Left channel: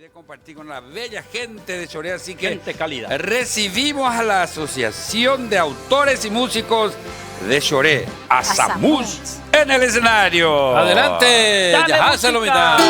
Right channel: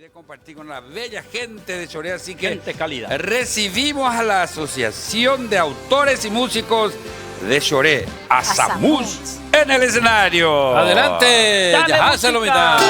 de compartir con la bella gente de Choré, así que gente cálida. Recibimos a la Asociación de Autores y Músicos de Choré, Asamus, en el escenario. Adelante, Dale ya música. lo mitad.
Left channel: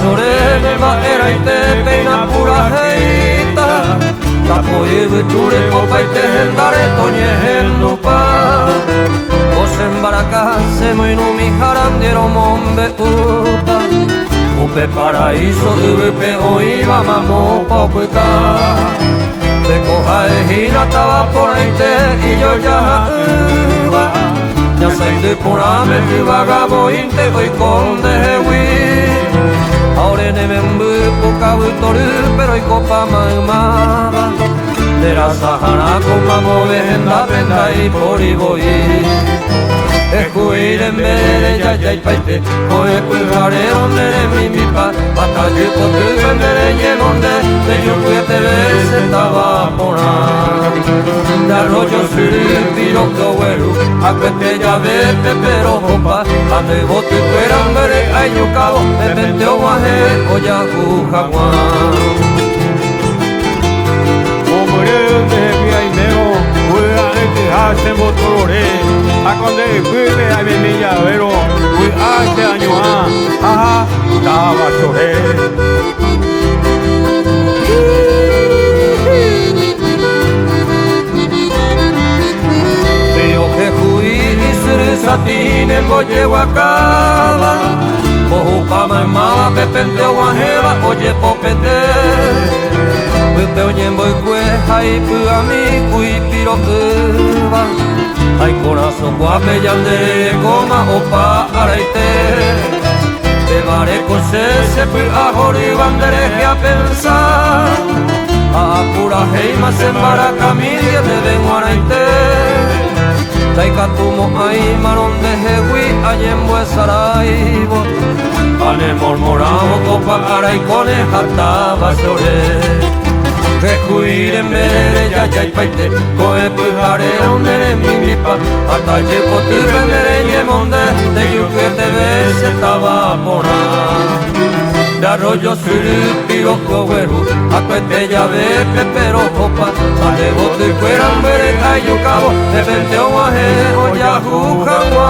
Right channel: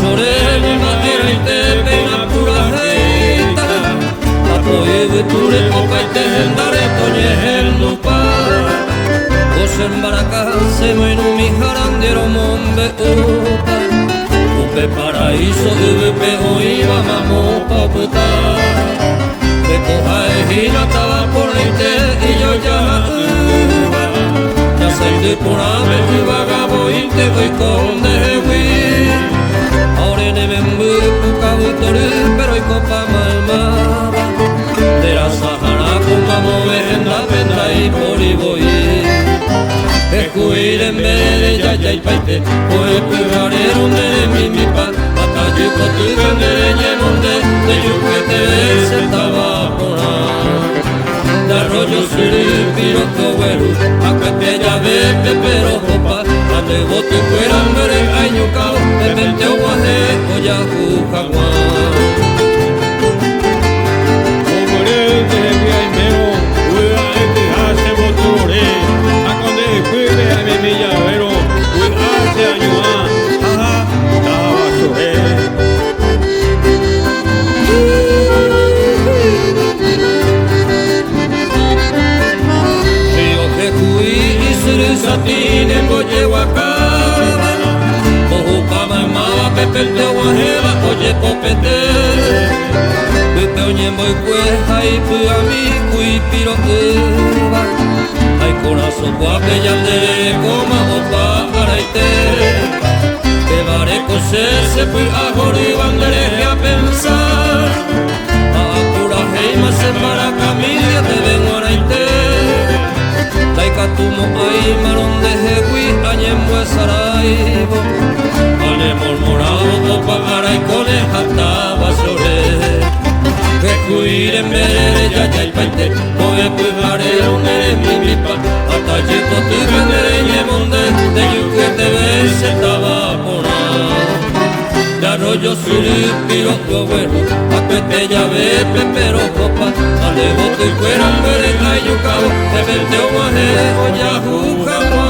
Sorenema era ite peina pura heita Tapoye viture opaite hendare toñe hendupa Osen baraka semoinu miharandiero mombe uta Upe paraíso upe oiva mamo poputa Bekoja ejina taba por aite y yo ya uva Ya sainde purame tu vagabo inte hoy conde hewi Ahora ne membu puka butoru pero ikopa maumaba De la Sahara kuma movenda penda y poriboi Escuiren bere ya ya paite Koe pujare ondere mimipa Ata yuko tu vendere nyemonde De yukuete vese taba pona De arroyo suru piro koweru Akwete ya ve pepero hopa Ande botu kueran bere ayukao Pepente o wahe o yahu hagwan Momoreu de via imero, ua ete hase botorore, aconde pibe a me llavero, ui hace añoa, jaja, tava choré. Rio que hui isuru satine mboye wakaba Bohu pama mava pepente o waheba oye popete Pupe oñembo ikue hai puami kui piro uva Hai corazo guape yandere koma opa araite Bebare kose se pu ahori bandere a pensar A pura heima sembara camilia te ven araite Taikatumo ai maronde hewi añembo esaraibo Ane mormorabo opa araikone hataba sore Kehuiren bere ya ya paite Koe pujare ondere mimipa Ata yepo tu vendere nyemonde De yukuete vese taba pona De arroyo suru piro koweru Akwete ya ve pepero hopa Ande botu kueran bere ayukao De vente o wahe o yahu hangwa